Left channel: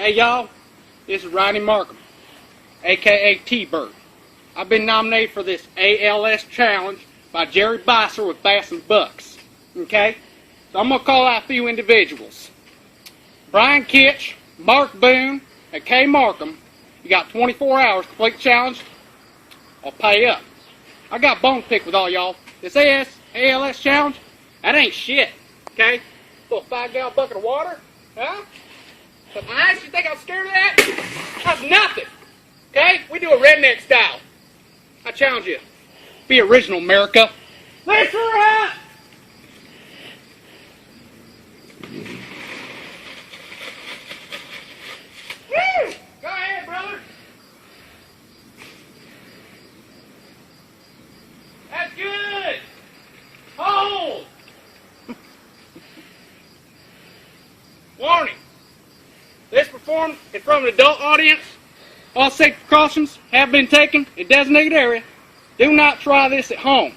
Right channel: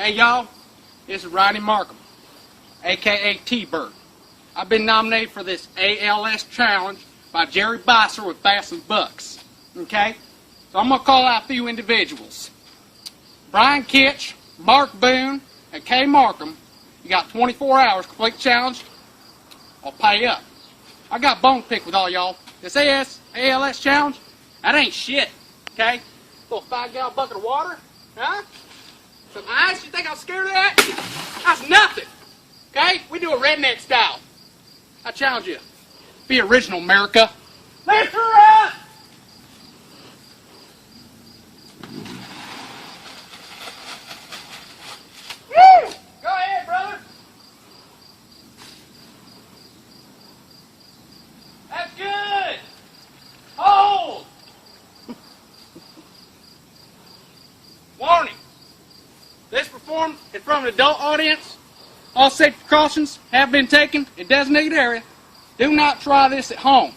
Hey y'all, this is Rodney Markham, aka T-Bird. I've been nominated for this ALS challenge by Jerry Bosser with Bass and Bucks. Okay? So I'm gonna call out a few individuals. Brian Kitch, Mark Boone, and Kay Markham. You got 24 hours to complete the challenge or pay up. I got a bone to pick with all y'all. This ALS challenge, that ain't shit. Okay? Little 5-gallon bucket of water, huh? Some ice, you think I'm scared of that? That's nothing. Okay? We do a redneck style. I challenge you. Be original, America. Lift her up! Woo! Go ahead, brother. That's good. Hold. Warning. This performed in front of an adult audience. All safety precautions have been taken in designated area. Do not try this at home.